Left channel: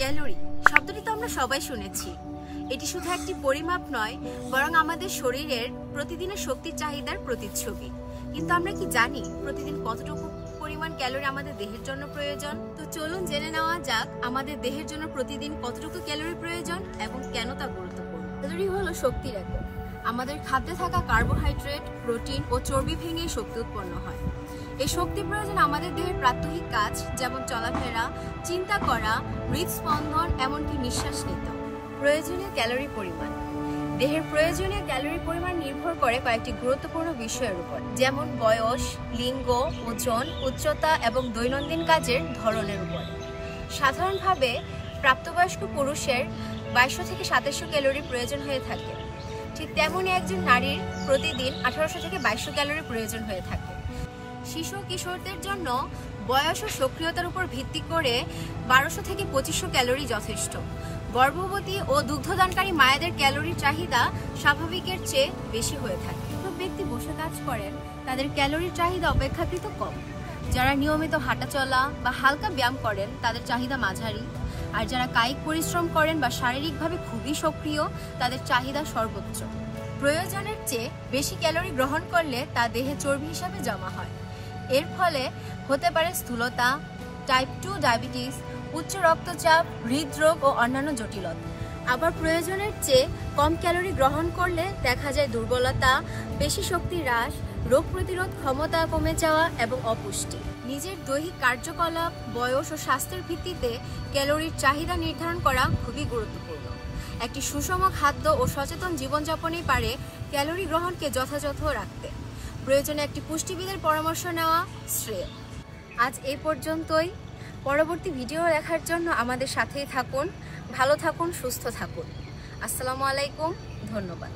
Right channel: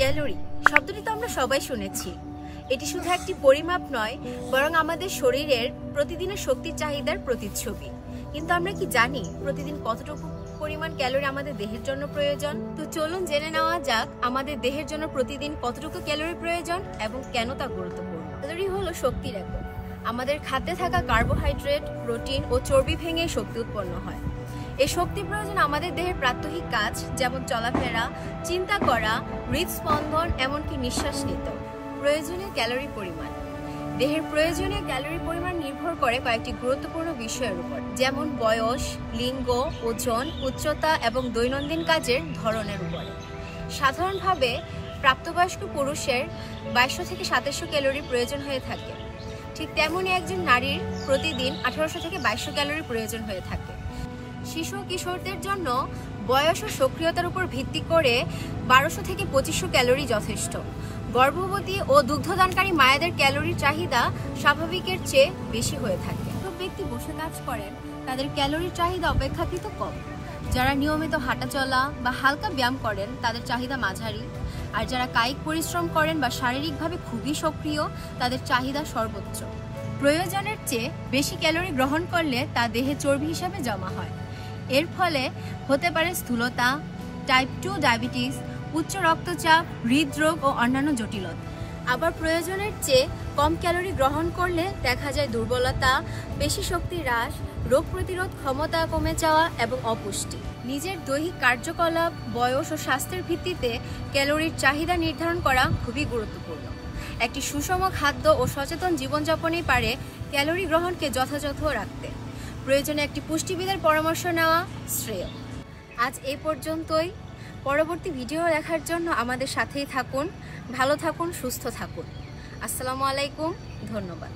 Calorie শব্দটি তো আমরা সবাই শুনেছি। এটি শুধু একটি পরিমাপ নয়, বরং আমাদের শরীরের প্রতিদিনের শক্তির চাহিদার প্রতিচ্ছবি। কিন্তু আমরা কি জানি প্রতিদিন কতটুকু পরিমাণ ক্যালোরি আমাদের দেহের জন্য প্রয়োজন? তো চলুন জেনে নেওয়া যাক আমাদের দেহের জন্য প্রতিদিন কতটুকু ক্যালোরি প্রয়োজন এবং কেন তা গুরুত্বপূর্ণ। ক্যালোরি হলো শক্তির একক। আমাদের খাদ্যে থাকা কার্বোহাইড্রেট, প্রোটিন ও চর্বি ভেঙে শক্তি উৎপন্ন হয়। এই শক্তির প্রয়োজন আমাদের দেহের প্রাত্যহিক কাজ, যেমন চলাফেরা, চিন্তা করা, হৃদস্পন্দন, এমনকি নিঃশ্বাস নিতে। প্রয়োজনীয় ক্যালোরি পরিমাণ। দেহের প্রয়োজনীয় ক্যালোরি পরিমাণ নির্ভর করে কয়েকটি গুরুত্বপূর্ণ বিষয়ের উপর, যেমন বয়স, লিঙ্গ, ওজন, উচ্চতা এবং দৈনন্দিন কাজের ধরনের উপর। সাধারণভাবে প্রাপ্তবয়স্ক পুরুষের 2200 থেকে 2700 ক্যালোরি প্রয়োজন হয়ে থাকে। ঠিক তেমনি একজন নারীর প্রতিদিন 1800 থেকে 2200 ক্যালোরি প্রয়োজন হয়ে থাকে। শিশু কিশোরদের জন্য বয়স ও সক্রিয়তার উপর ভিত্তি করে 1200 থেকে 2500 ক্যালোরি যথেষ্ট। গর্ভবতী ও দুগ্ধদানকারী মায়েদের ক্যালোরির চাহিদা স্বাভাবিকের চেয়ে বেশি হয়ে থাকে। সব ব্যক্তি বসে কাজ করেন, তাদের ক্যালোরির চাহিদা অপেক্ষাকৃত কম। যারা নিয়মিত হাঁটাচলা বা হালকা ব্যায়াম করেন তাদের চাহিদা মাঝারি, আর যারা কায়িক পরিশ্রম করেন বা শারীরিকভাবে খুবই সক্রিয় তাদের চাহিদা সর্বোচ্চ। প্রয়োজনের চেয়ে বেশি ক্যালোরি গ্রহণ করলে তা দেহে চর্বি হিসাবে জমা হয়। এর ফলে হতে পারে স্থূলতা, টাইপ 2 ডায়াবেটিস, উচ্চ রক্তচাপ, হৃদরোগ ও অন্যান্য জটিলতা। আবার প্রয়োজনের চেয়ে কম ক্যালোরি গ্রহণ করলে দেখা যায় দুর্বলতা, বেশি শক্তি হ্রাস, রোগ প্রতিরোধ ক্ষমতা কমে যাওয়া এবং অপুষ্টি। নিজের দৈহিক কার্যকলাপ, বয়স ও স্বাস্থ্যের ভিত্তিতে ক্যালোরির চাহিদা নির্ধারণ করা খুবই গুরুত্বপূর্ণ। একটি সুষম খাদ্য ও সচেতন জীবনযাপনই পারে ক্যালোরি গ্রহণকে যথাযথ রাখতে। প্রয়োজনে একটি পুষ্টিবিদের পরামর্শ নেওয়া শ্রেয়। আজ এই পর্যন্তই। পরবর্তী ভিডিও দেখার জন্য আমাদের সাথেই থাকুন। ভালো থাকুন, সুস্থ থাকুন। আসসালামু আলাইকুম, ধন্যবাদ।